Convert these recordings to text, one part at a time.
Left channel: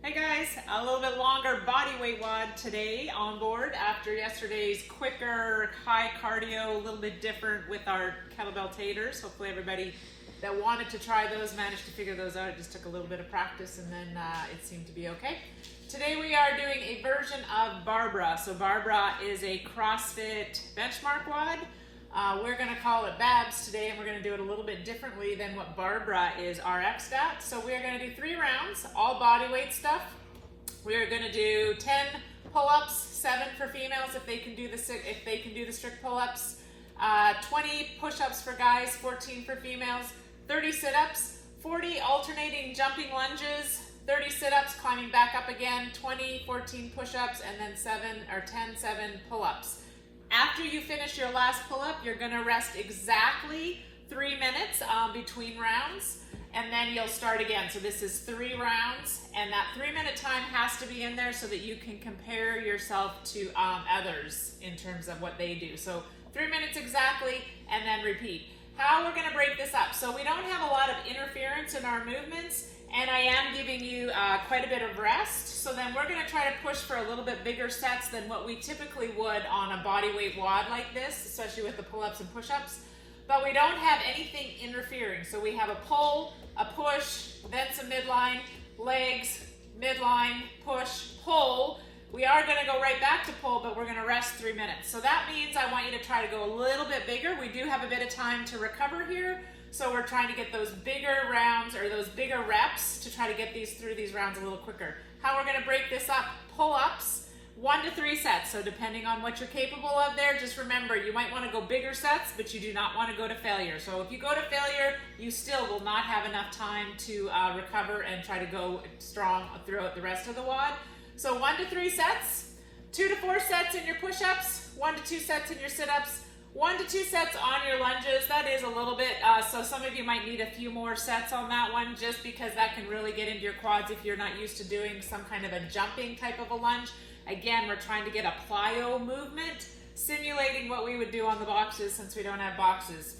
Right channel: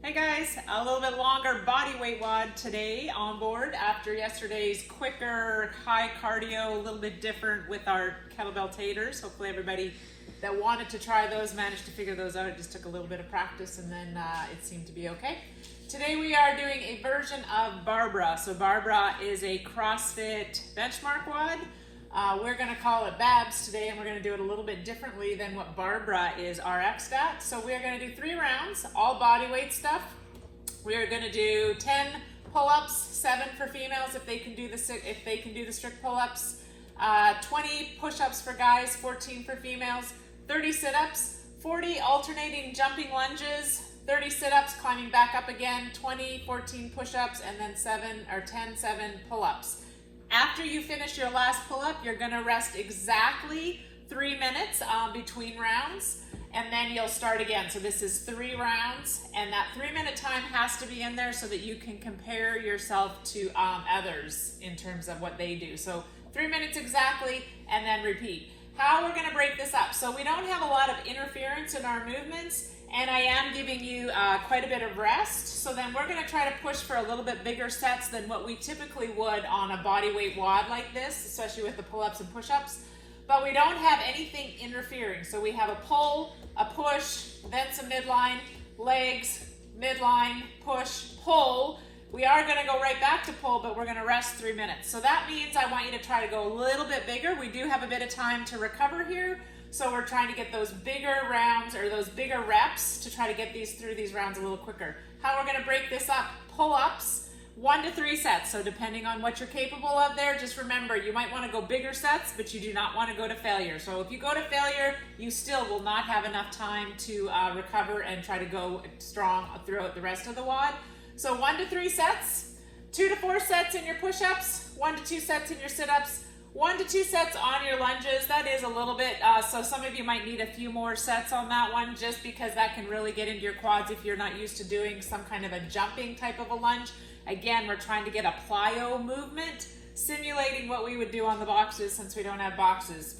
Hey guys, a little bit longer body weight WOD today on board after yesterday's quicker, high cardio, a little bit different with our kettlebell taters. Hopefully everybody that wanted to try those managed to figure those out. It just took a little bit of practice and then it seemed to be okay. Today we are doing a version of Barbara. So Barbara is a CrossFit benchmark WOD. We're going to call it Babs today, and we're going to do it a little bit differently than what Barbara is RX'd at. So we're going to do 3 rounds, all body weight stuff. We are going to do 10 pull-ups, 7 for females if they can do the strict pull-ups, 20 push-ups for guys, 14 for females, 30 sit-ups, 40 alternating jumping lunges, 30 sit-ups, climbing back up again, 20, 14 push-ups, and then 7 pull-ups. After you finish your last pull-up, you're gonna rest exactly 3 minutes between rounds, and then you'll start again. So this is 3 rounds, and that 3-minute time has to be in there so that you can compare yourself to others in terms of what they do. So 3 minutes exactly, and then repeat. How we're gonna break this up. So we don't have a lot of interference in our movements, and I am giving you quite a bit of rest. So then we're gonna try to push for a little bit bigger sets than what we typically would on a body weight WOD like this, especially with the pull-ups and push-ups. But we don't have anything interfering. So we have a pull, a push, then some midline, legs, midline, push, pull. We are gonna go right back to pull, but we're gonna rest 3 minutes. So that means I want you to try to go a little bit bigger. We do have a bit of time to recover here. So we're trying to get those bigger rounds or those bigger reps to try to get through these rounds a little quicker. How we're gonna break this up, pull-ups, 1 to 3 sets. So depending on what you're capable of there, just remember, you might wanna go bigger sets, but you do not wanna go to failure. So if you go to failure, you still will not have enough time to recover and try to go strong throughout the rest of the WOD. So 1 to 3 sets, 2 to 4 sets in your push-ups, 1 to 2 sets in your sit-ups, 1 to 2 sets on your lunges. That is a little bit, so some of you might need a few more sets on that one just because that can really get into your quads if you're not used to doing some kind of a jumping type of a lunge. Again, we're trying to get a plyo movement, simulating what we would do on the boxes since we don't have boxes.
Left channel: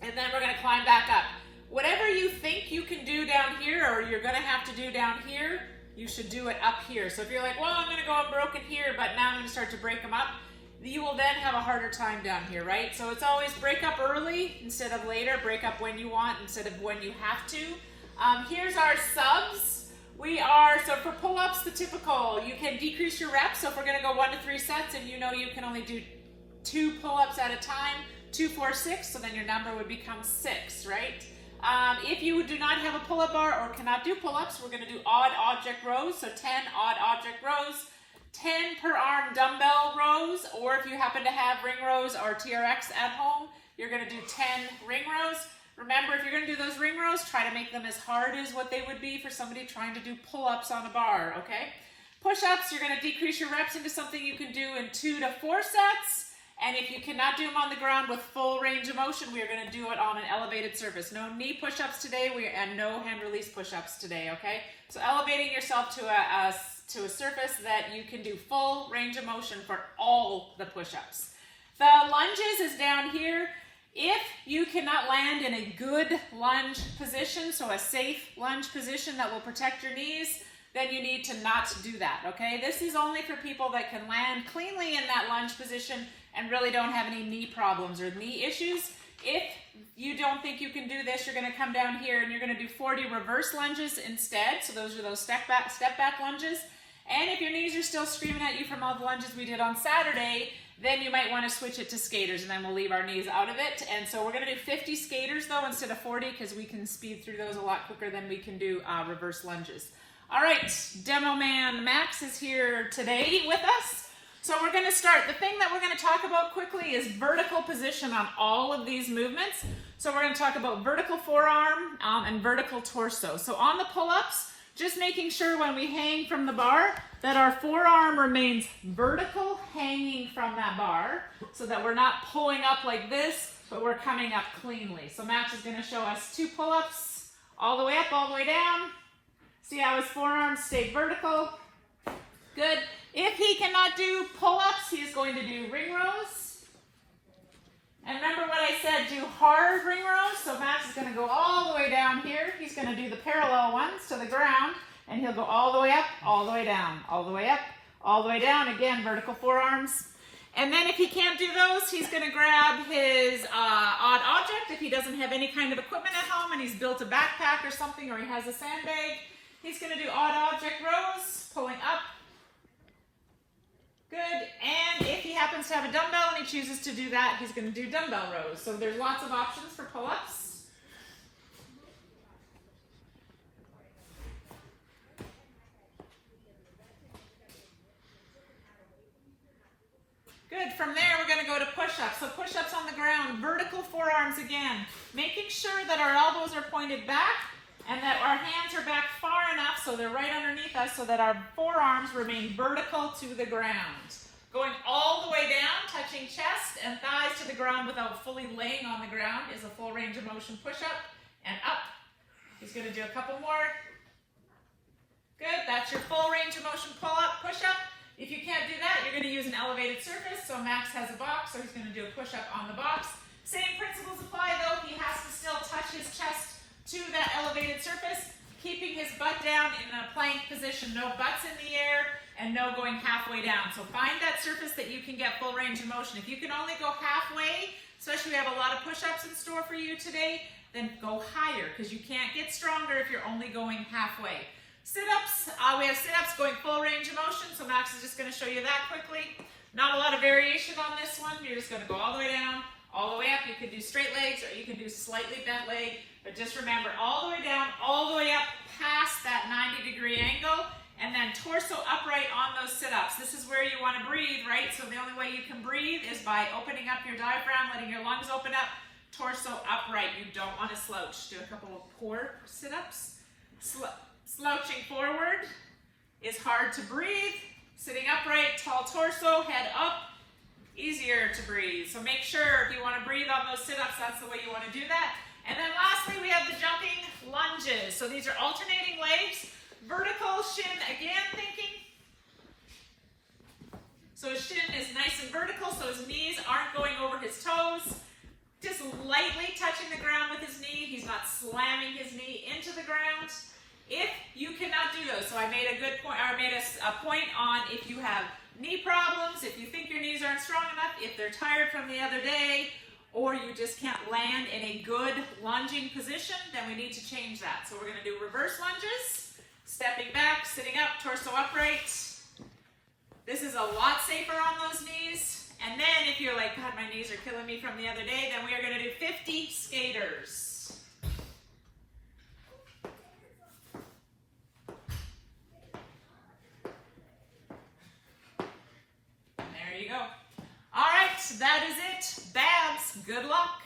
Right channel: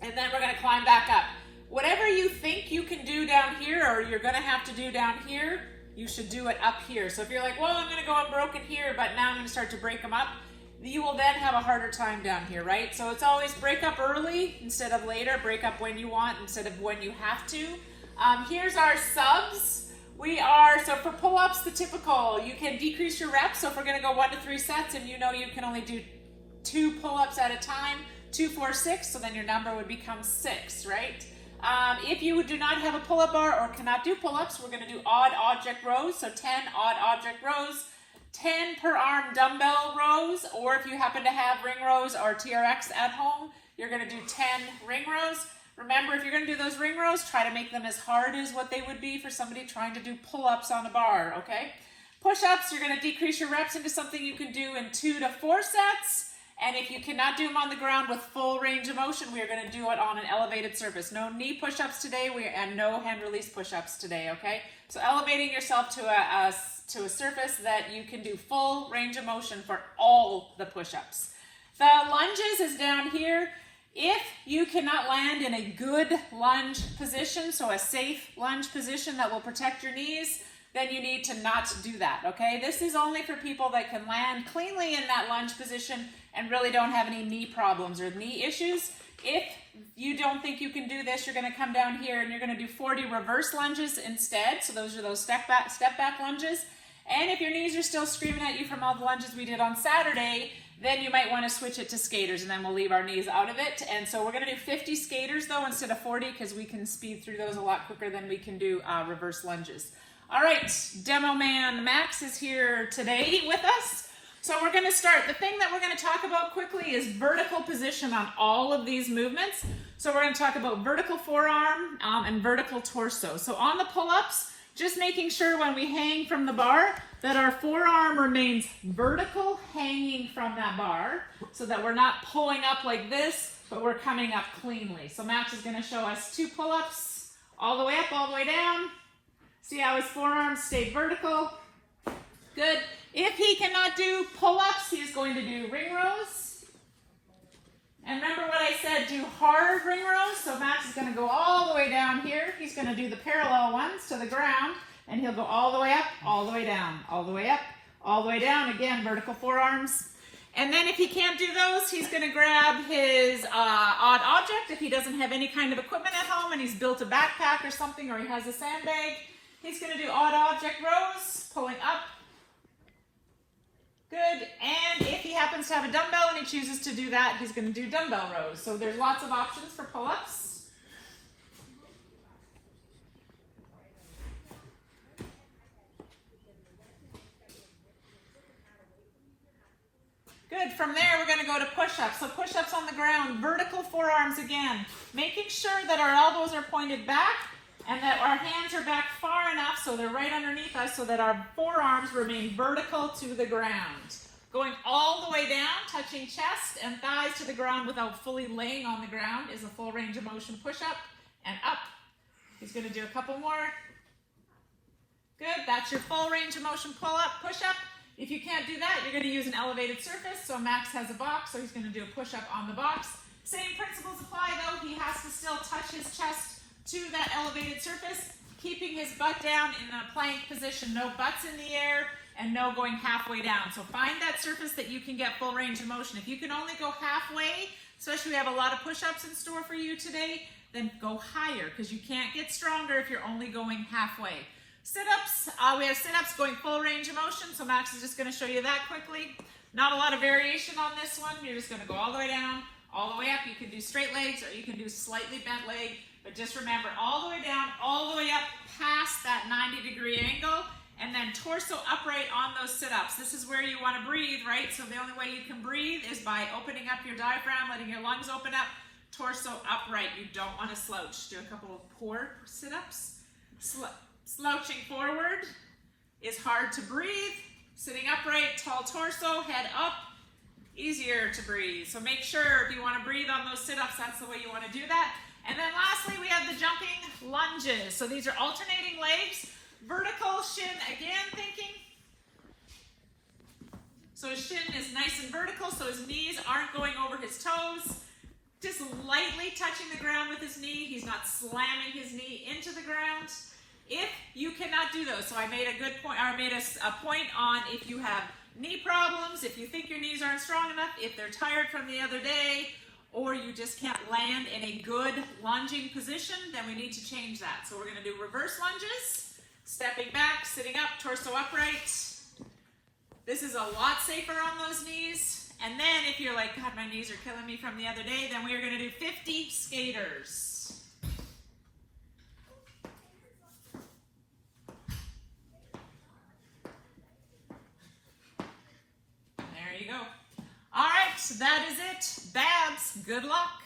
And then we're gonna climb back up. Whatever you think you can do down here or you're gonna have to do down here, you should do it up here. So if you're like, well, I'm gonna go unbroken here, but now I'm gonna start to break them up, you will then have a harder time down here, right? So it's always break up early instead of later, break up when you want instead of when you have to. Here's our subs. So for pull-ups, the typical, you can decrease your reps. So if we're gonna go 1 to 3 sets and you know you can only do 2 pull-ups at a time, 2, 4, 6, so then your number would become 6, right? If you do not have a pull-up bar or cannot do pull-ups, we're gonna do odd object rows. So 10 odd object rows, 10 per arm dumbbell rows, or if you happen to have ring rows or TRX at home, you're gonna do 10 ring rows. Remember, if you're gonna do those ring rows, try to make them as hard as what they would be for somebody trying to do pull-ups on a bar, okay? Push-ups, you're gonna decrease your reps into something you can do in 2 to 4 sets. And if you cannot do them on the ground with full range of motion, we are gonna do it on an elevated surface. No knee push-ups today, and no hand release push-ups today, okay? So elevating yourself to a surface that you can do full range of motion for all the push-ups. The lunges is down here. If you cannot land in a good lunge position, so a safe lunge position that will protect your knees, then you need to not do that, okay? This is only for people that can land cleanly in that lunge position and really don't have any knee problems or knee issues. If you don't think you can do this, you're gonna come down here and you're gonna do 40 reverse lunges instead. So those are those step back lunges. And if your knees are still screaming at you from all the lunges we did on Saturday, then you might want to switch it to skaters, and then we'll leave our knees out of it. And so we're going to do 50 skaters though instead of 40 because we can speed through those a lot quicker than we can do reverse lunges. All right, Demo Man Max is here today with us. So we're going to start. The thing that we're going to talk about quickly is vertical position on all of these movements. So we're going to talk about vertical forearm and vertical torso. So on the pull-ups, just making sure when we hang from the bar that our forearm remains vertical, hanging from that bar, so that we're not pulling up like this, but we're coming up cleanly. So Max is going to show us 2 pull-ups, all the way up, all the way down. See how his forearms stay vertical? Good. If he cannot do pull-ups, he's going to do ring rows. And remember what I said, do hard ring rows. So Max is going to go all the way down here. He's going to do the parallel ones to the ground. and he'll go all the way up, all the way down, all the way up, all the way down. Again, vertical forearms. And then if he can't do those, he's going to grab his odd object. If he doesn't have any kind of equipment at home and he's built a backpack or something, or he has a sandbag, he's going to do odd object rows, pulling up. Good. And if he happens to have a dumbbell and he chooses to do that, he's going to do dumbbell rows. So there's lots of options for pull-ups. Good. From there, we're going to go to push-ups. So push-ups on the ground, vertical forearms again, making sure that our elbows are pointed back and that our hands are back far enough so they're right underneath us so that our forearms remain vertical to the ground. Going all the way down, touching chest and thighs to the ground without fully laying on the ground is a full range of motion push-up and up. He's going to do a couple more. Good. That's your full range of motion pull-up, push-up. If you can't do that, you're going to use an elevated surface. So Max has a box, so he's going to do a push-up on the box. Same principles apply, though. He has to still touch his chest to that elevated surface, keeping his butt down in a plank position. No butts in the air and no going halfway down. So find that surface that you can get full range of motion. If you can only go halfway, especially we have a lot of push-ups in store for you today, then go higher because you can't get stronger if you're only going halfway. Sit-ups, we have sit-ups going full range of motion, so Max is just going to show you that quickly. Not a lot of variation on this one. You're just going to go all the way down, all the way up. You can do straight legs or you can do slightly bent leg, but just remember all the way down, all the way up past that 90-degree angle, and then torso upright on those sit-ups. This is where you want to breathe, right? So the only way you can breathe is by opening up your diaphragm, letting your lungs open up, torso upright. You don't want to slouch. Do a couple of core sit-ups. Slouching forward is hard to breathe. Sitting upright, tall torso, head up, easier to breathe. So make sure if you want to breathe on those sit-ups, that's the way you want to do that. And then lastly, we have the jumping lunges. So these are alternating legs, vertical, shin again thinking. So his shin is nice and vertical, so his knees aren't going over his toes. Just lightly touching the ground with his knee. He's not slamming his knee into the ground. If you cannot do those, so I made a good point, or I made a point on if you have knee problems, if you think your knees aren't strong enough, if they're tired from the other day, or you just can't land in a good lunging position, then we need to change that. So we're going to do reverse lunges, stepping back, sitting up, torso upright. This is a lot safer on those knees. And then if you're like, God, my knees are killing me from the other day, then we are going to do 50 skaters. There you go. All right, that is it. Babs, good luck.